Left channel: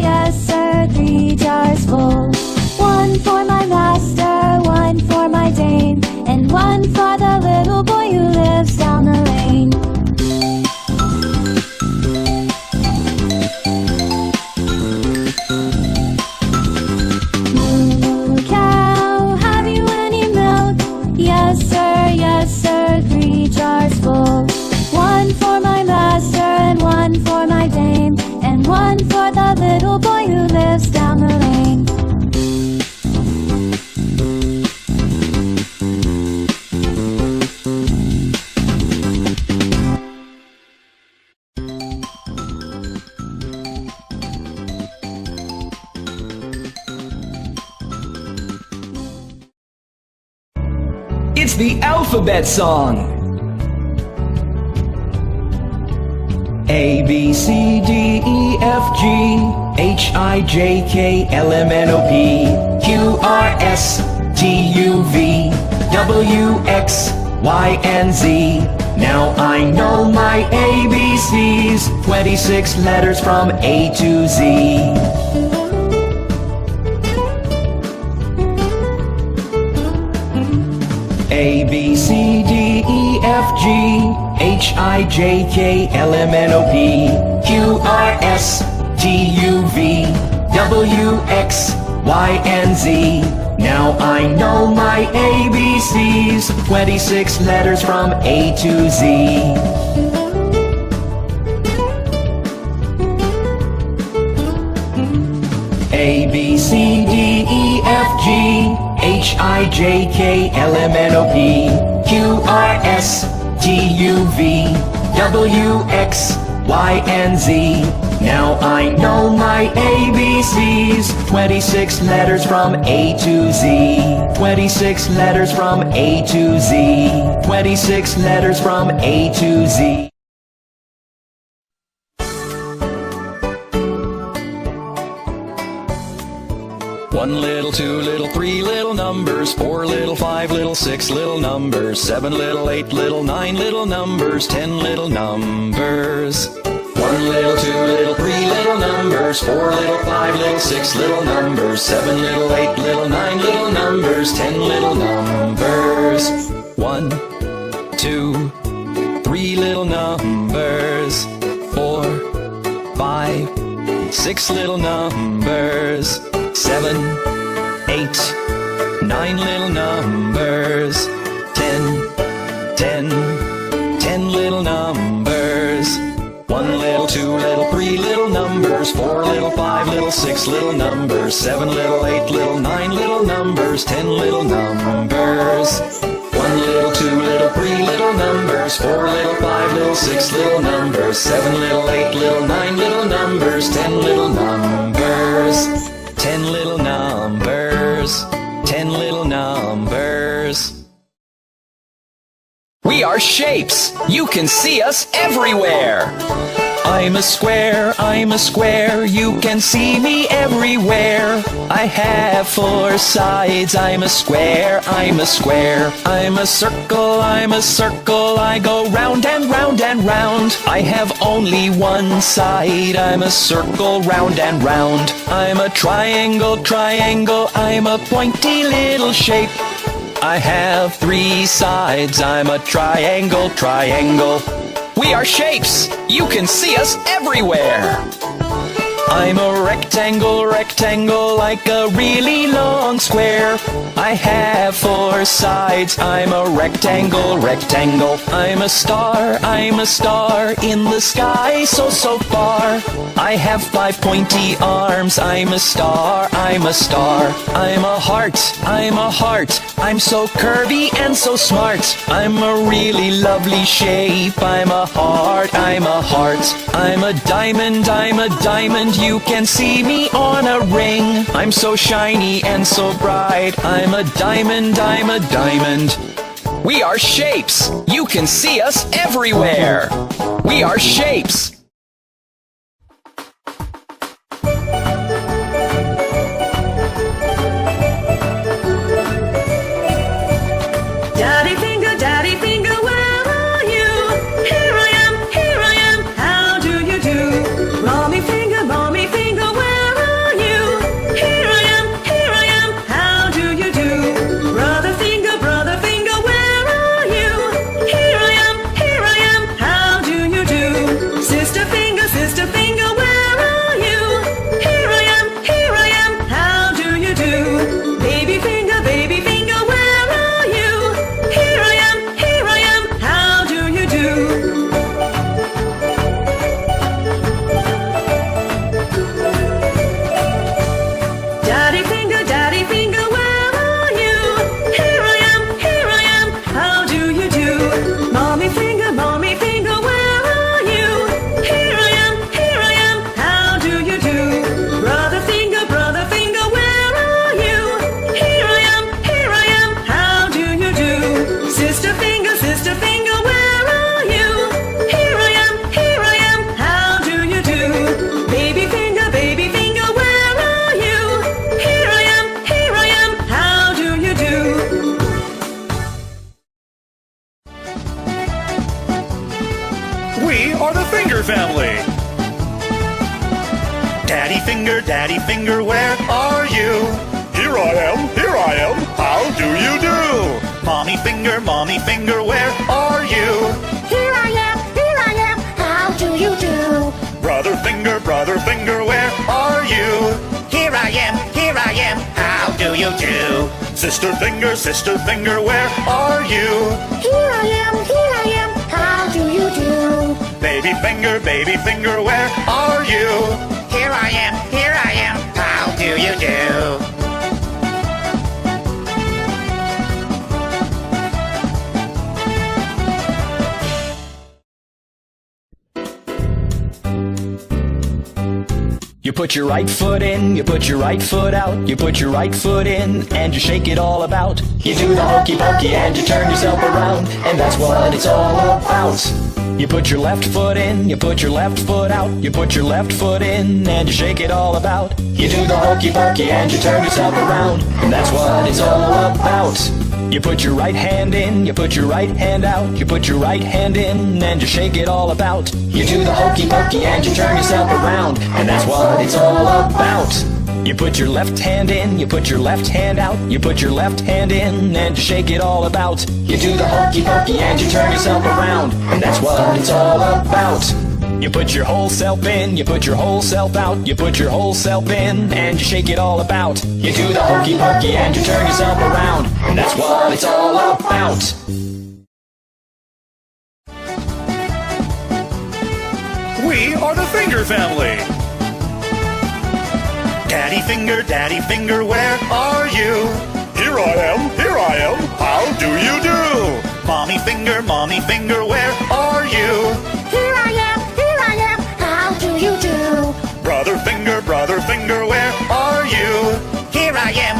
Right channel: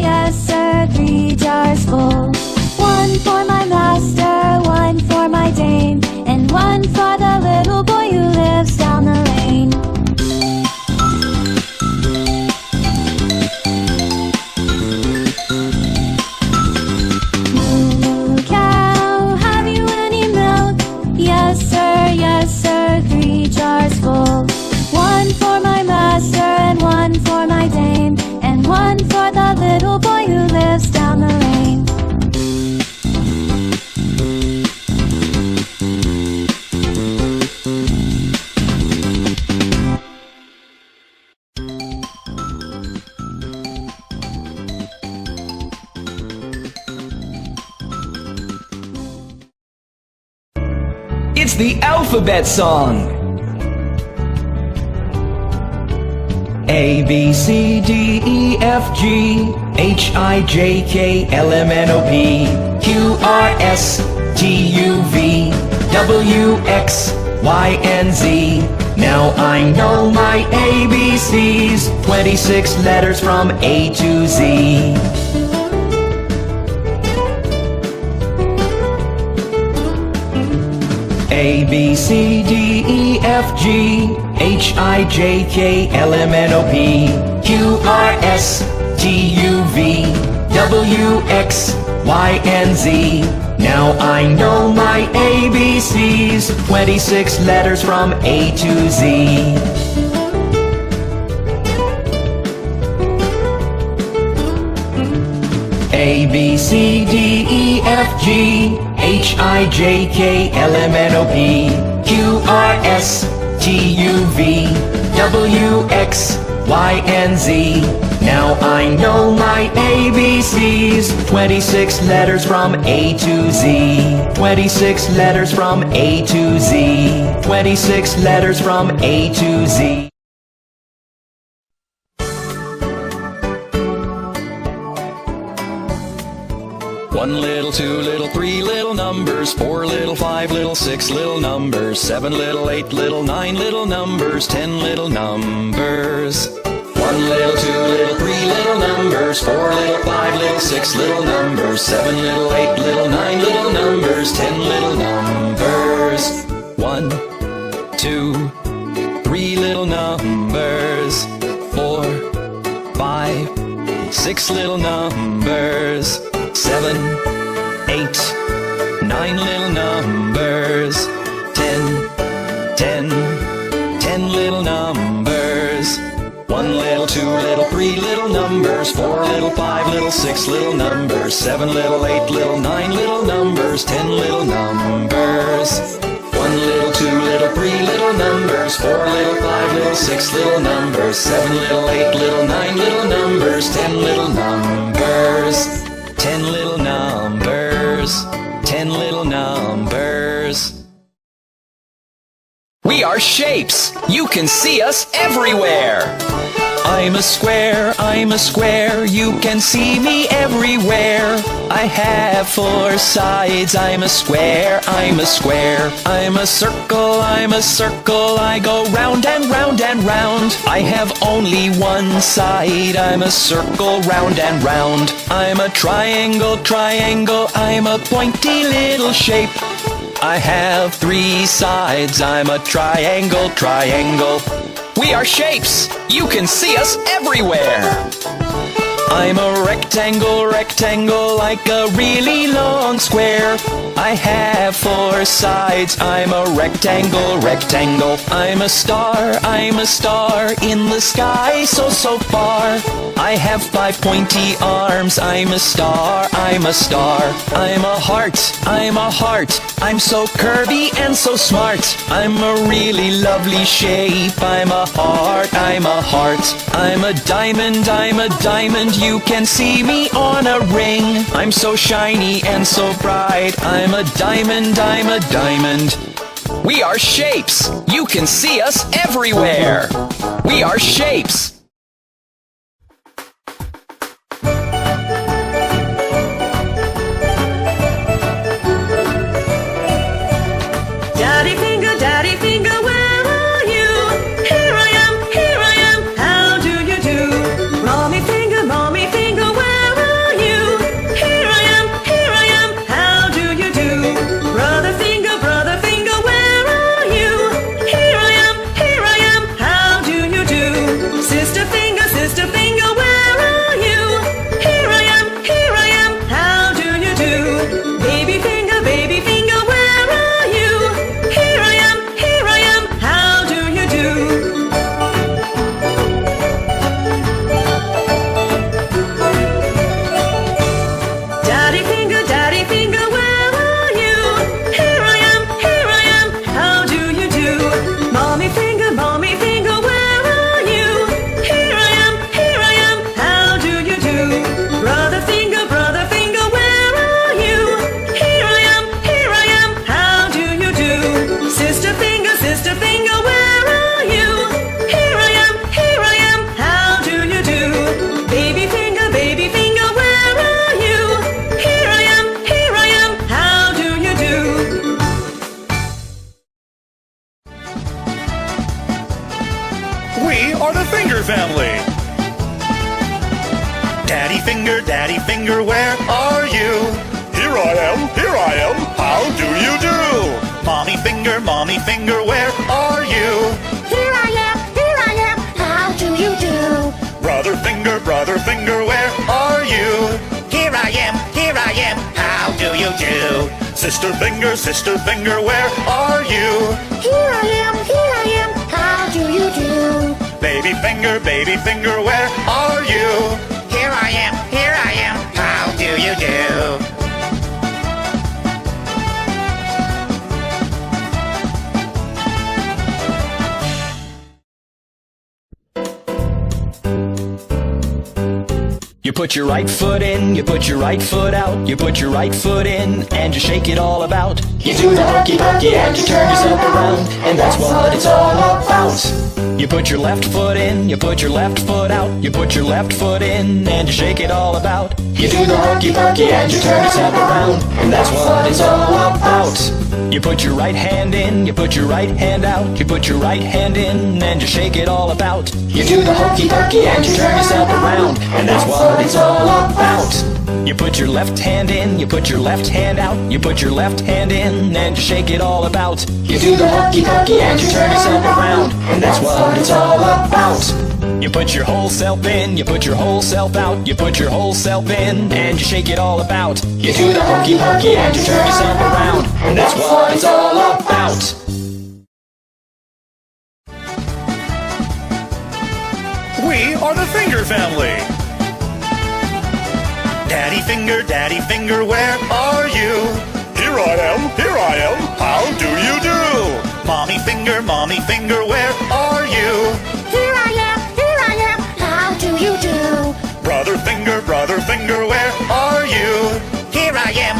Yes, sir, 3 jars full. 1 for my master, 1 for my dame, and 1 for the little boy who lives down the lane. Moo cow, have you any milk? Yes sir, 3 jars full. 1 for my master, 1 for my dame, and 1 for the little boy who lives down the lane. It's the alphabet song! A, B, C, D, E, F, G, H, I, J, K, L, M, N, O, P, Q, R, S, T, U, V, W, X, Y, and Z. Now I know my ABCs, 26 letters from A to Z. A, B, C, D, E, F, G, H, I, J, K, L, M, N, O, P, Q, R, S, T, U, V, W, X, Y, and Z. Now I know my ABCs, 26 letters from A to Z. A, B, C, D, E, F, G, H, I, J, K, L, M, N, O, P, Q, R, S, T, U, V, W, X, Y, and Z. Now I know my ABCs, 26 letters from A to Z. 26 letters from A to Z. 26 letters from A to Z. 1 little, 2 little, 3 little numbers, 4 little, 5 little, 6 little numbers, 7 little, 8 little, 9 little numbers, 10 little numbers. 1 little, 2 little, 3 little numbers, 4 little, 5 little, 6 little numbers, 7 little, 8 little, 9 little numbers, 10 little numbers. 1, 2, 3 little numbers, 4, 5, 6 little numbers, 7, 8, 9 little numbers, 10 little numbers. 1 little, 2 little, 3 little numbers, 4 little, 5 little, 6 little numbers, 7 little, 8 little, 9 little numbers, 10 little numbers. 1 little, 2 little, 3 little numbers, 4 little, 5 little, 6 little numbers, 7 little, 8 little, 9 little numbers, 10 little numbers. 10 little numbers, 10 little numbers. We are shapes! You can see us everywhere! I'm a square, you can see me everywhere. I have 4 sides, I'm a square. I'm a circle, I go round and round and round. I have only 1 side, I'm a circle, round and round. I'm a triangle, I'm a pointy little shape. I have 3 sides, I'm a triangle. We are shapes! You can see us everywhere! I'm a rectangle, like a really long square. I have 4 sides, I'm a rectangle. I'm a star in the sky, so far. I have 5 pointy arms, I'm a star. I'm a heart, I'm so curvy and so smart. I'm a really lovely shape, I'm a heart. I'm a diamond, you can see me on a ring. I'm so shiny and so bright, I'm a diamond. We are shapes, you can see us everywhere. We are shapes. Daddy finger, where are you? Here I am, how do you do? Mommy finger, where finger, where are you? Here I am, how do you do? Mommy finger, where are you? Here I am, how do you do? Brother finger, where are you? Here I am, how do you do? Sister finger, where are you? Here I am, how do you do? Baby finger, where are you? Here I am, how do you do? You put your right foot in, you put your right foot out, you put your right foot in, and you shake it all about. You do the hokey pokey and you turn yourself around, and that's what it's all about. You put your left foot in, you put your left foot out, you put your left foot in, and you shake it all about. You do the hokey pokey and you turn yourself around, and that's what it's all about. You put your right hand in, you put your right hand out, you put your right hand in, and you shake it all about. You do the hokey pokey and you turn yourself around, and that's what it's all about. You put your left hand in, you put your left hand out, you put your left hand in, and you shake it all about. You do the hokey pokey and you turn yourself around, and that's what it's all about. You put your whole self in, you put your whole self out, you put your whole self in, and you shake it all about. You do the hokey pokey and you turn yourself around, and that's what it's all about. We are the Finger Family. Daddy finger, where are you? Here I am, how do you do? Mommy finger, where are you? Here I am, how do you do? Brother finger, where are you? Here I am,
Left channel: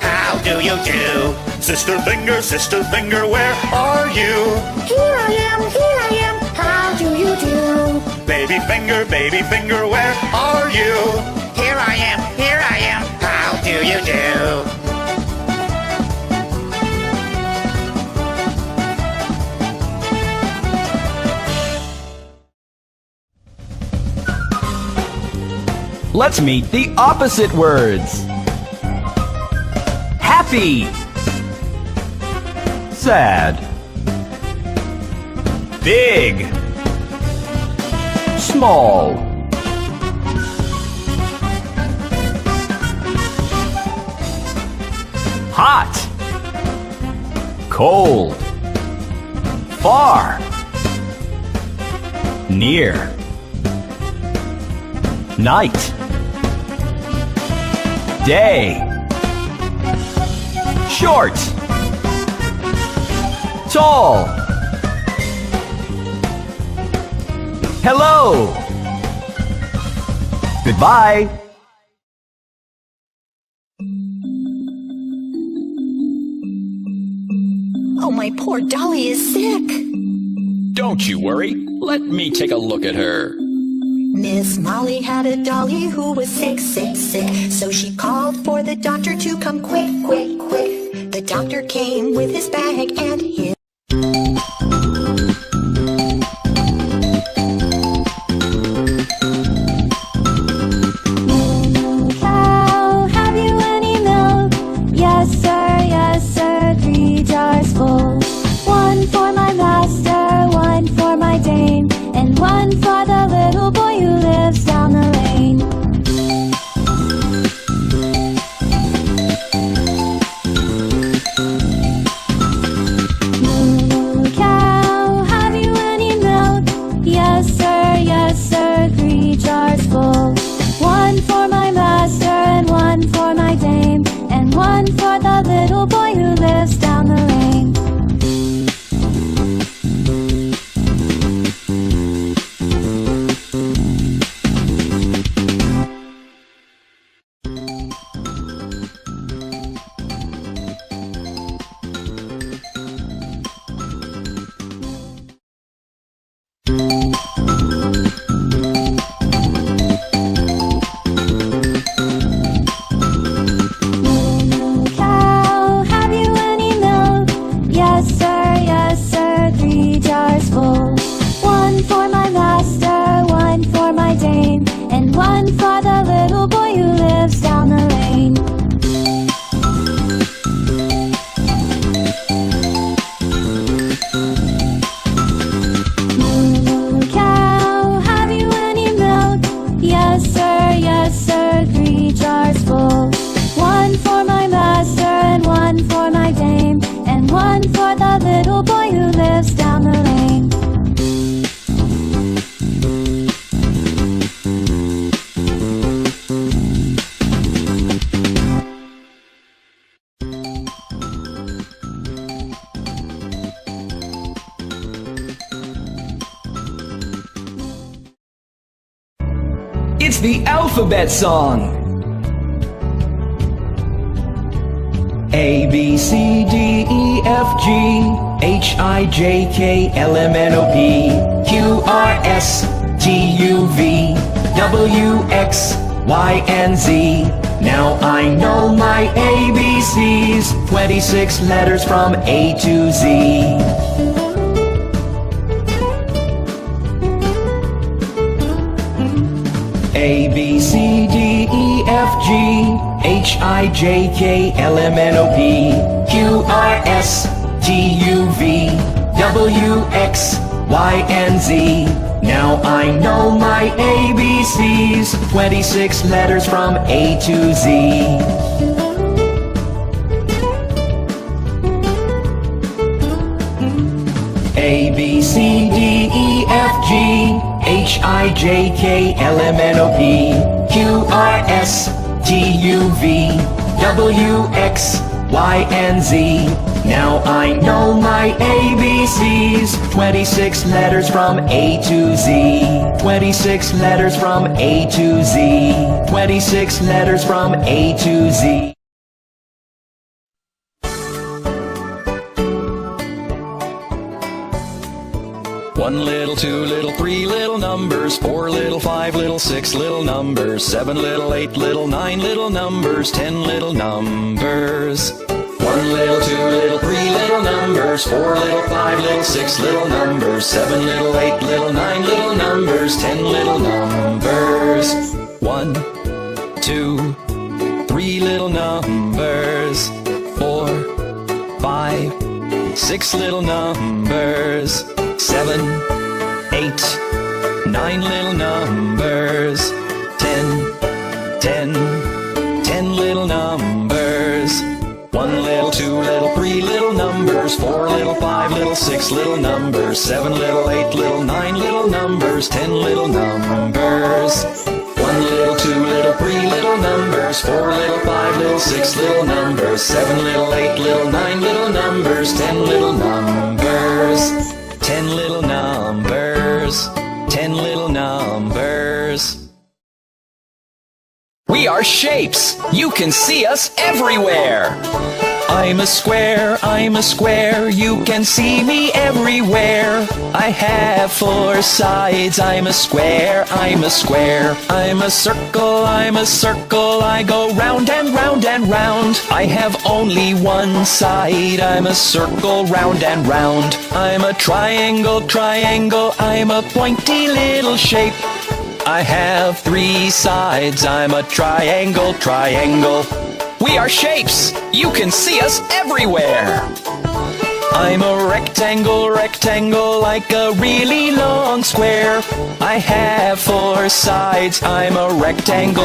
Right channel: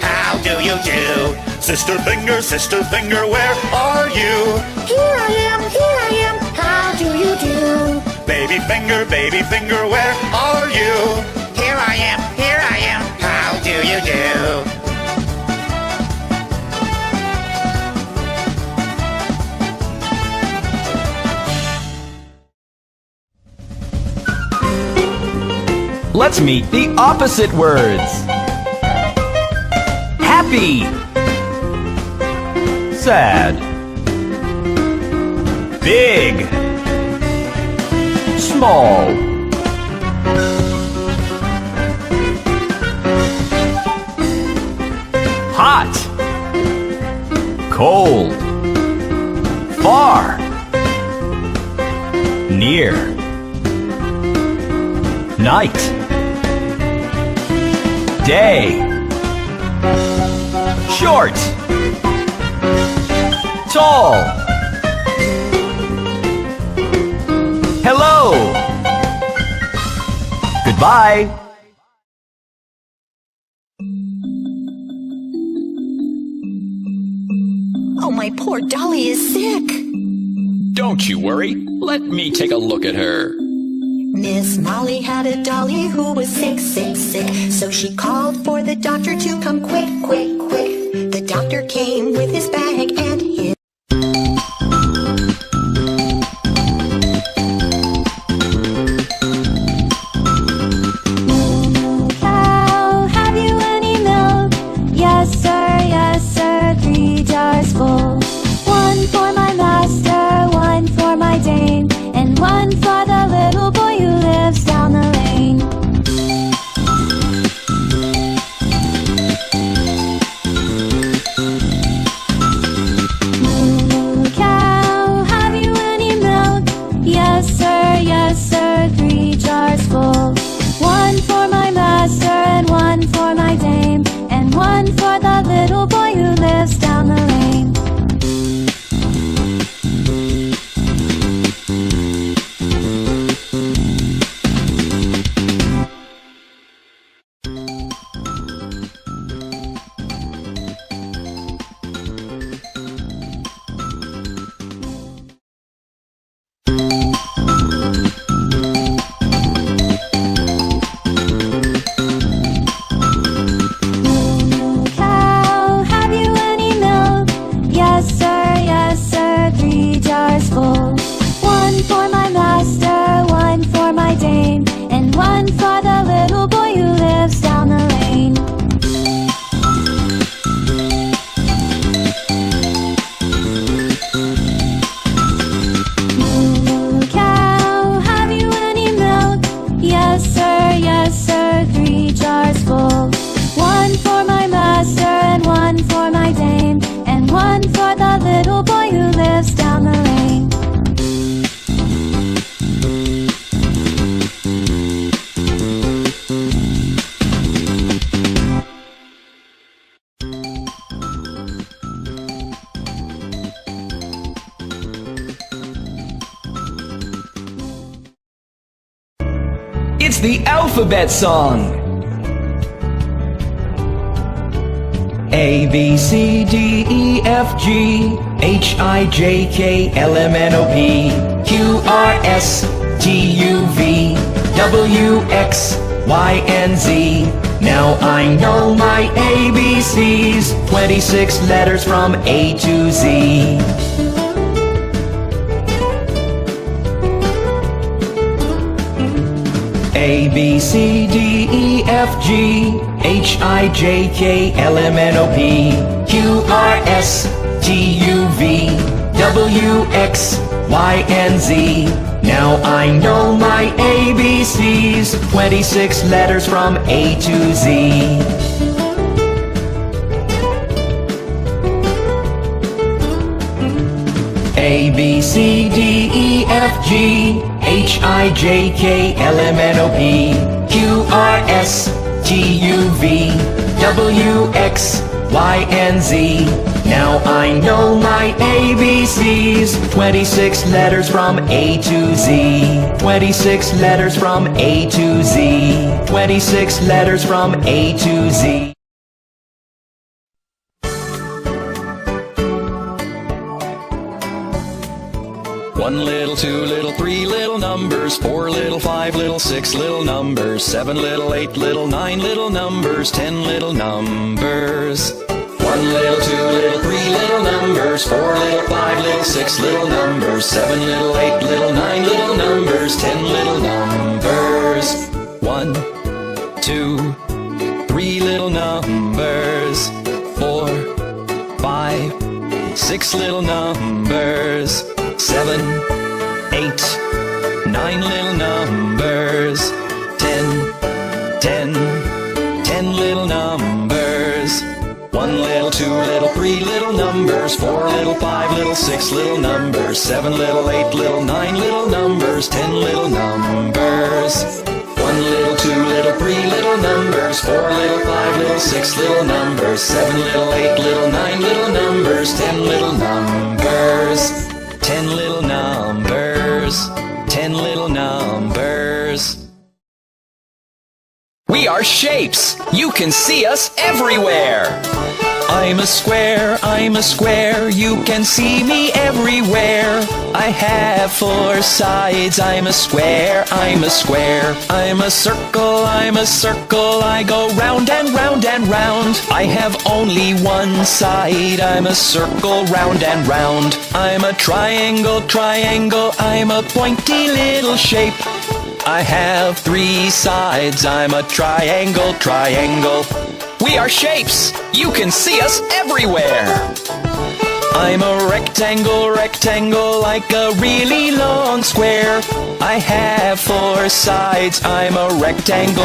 how do you do? Sister finger, where are you? Here I am, how do you do? Baby finger, where are you? Here I am, how do you do? Let's meet the opposite words. Happy, sad, big, small, hot, cold, far, near, night, day, short, tall, hello, goodbye. Oh, my poor Dolly is sick. Don't you worry, let me take a look at her. Miss Molly had a dolly who was sick, sick, sick. So she called for the doctor to come quick, quick, quick. The doctor came with his bag and his Cow, have you any milk? Yes sir, 3 jars full. 1 for my master, 1 for my dame, and 1 for the little boy who lives down the lane. Cow, have you any milk? Yes sir, 3 jars full. 1 for my master and 1 for my dame, and 1 for the little boy who lives down the lane. Cow, have you any milk? the alphabet song. A, B, C, D, E, F, G, H, I, J, K, L, M, N, O, P, Q, R, S, T, U, V, W, X, Y, and Z. Now I know my ABCs, 26 letters from A to Z. A, B, C, D, E, F, G, H, I, J, K, L, M, N, O, P, Q, R, S, T, U, V, W, X, Y, and Z. Now I know my ABCs, 26 letters from A to Z. A, B, C, D, E, F, G, H, I, J, K, L, M, N, O, P, Q, R, S, T, U, V, W, X, Y, and Z. Now I know my ABCs, 26 letters from A to Z. 26 letters from A to Z. 26 letters from A to Z. One little, two little, three little numbers, four little, five little, six little numbers, seven little, eight little, nine little numbers, 10 little numbers. One little, two little, three little numbers, four little, five little, six little numbers, seven little, eight little, nine little numbers, 10 little numbers. One, two, three little numbers, four, five, six little numbers, seven, eight, nine little numbers, 10 little numbers. One little, two little, three little numbers, four little, five little, six little numbers, seven little, eight little, nine little numbers, 10 little numbers. One little, two little, three little numbers, four little, five little, six little numbers, seven little, eight little, nine little numbers, 10 little numbers. 10 little numbers, 10 little numbers. We are shapes. You can see us everywhere. I'm a square, you can see me everywhere. I have four sides, I'm a square, I'm a square. I'm a circle, I go round and round and round. I have only one side, I'm a circle, round and round. I'm a triangle, I'm a pointy little shape. I have three sides, I'm a triangle. We are shapes, you can see us everywhere. I'm a rectangle, like a really long square. I have four sides, I'm a rectangle.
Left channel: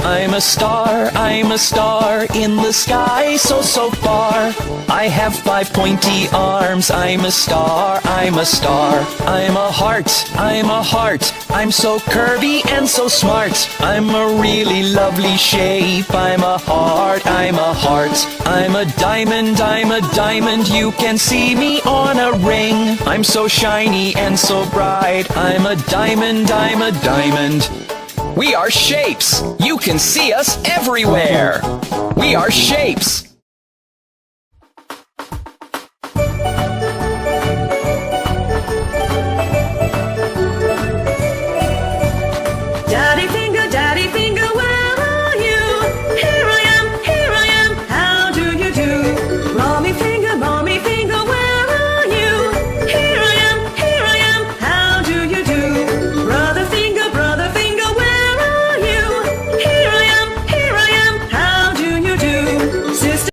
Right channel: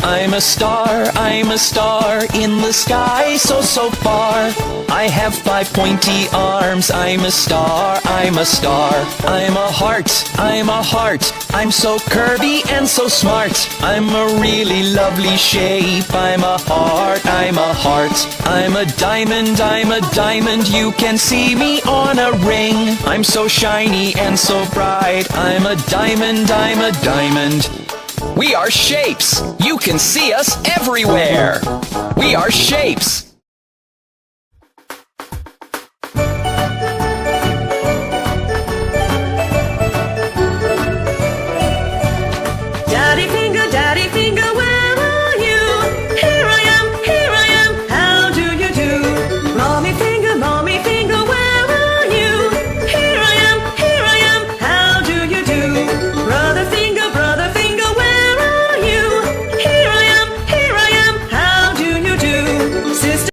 I'm a star in the sky, so far. I have five pointy arms, I'm a star. I'm a heart, I'm so curvy and so smart. I'm a really lovely shape, I'm a heart. I'm a diamond, you can see me on a ring. I'm so shiny and so bright, I'm a diamond. We are shapes, you can see us everywhere. We are shapes.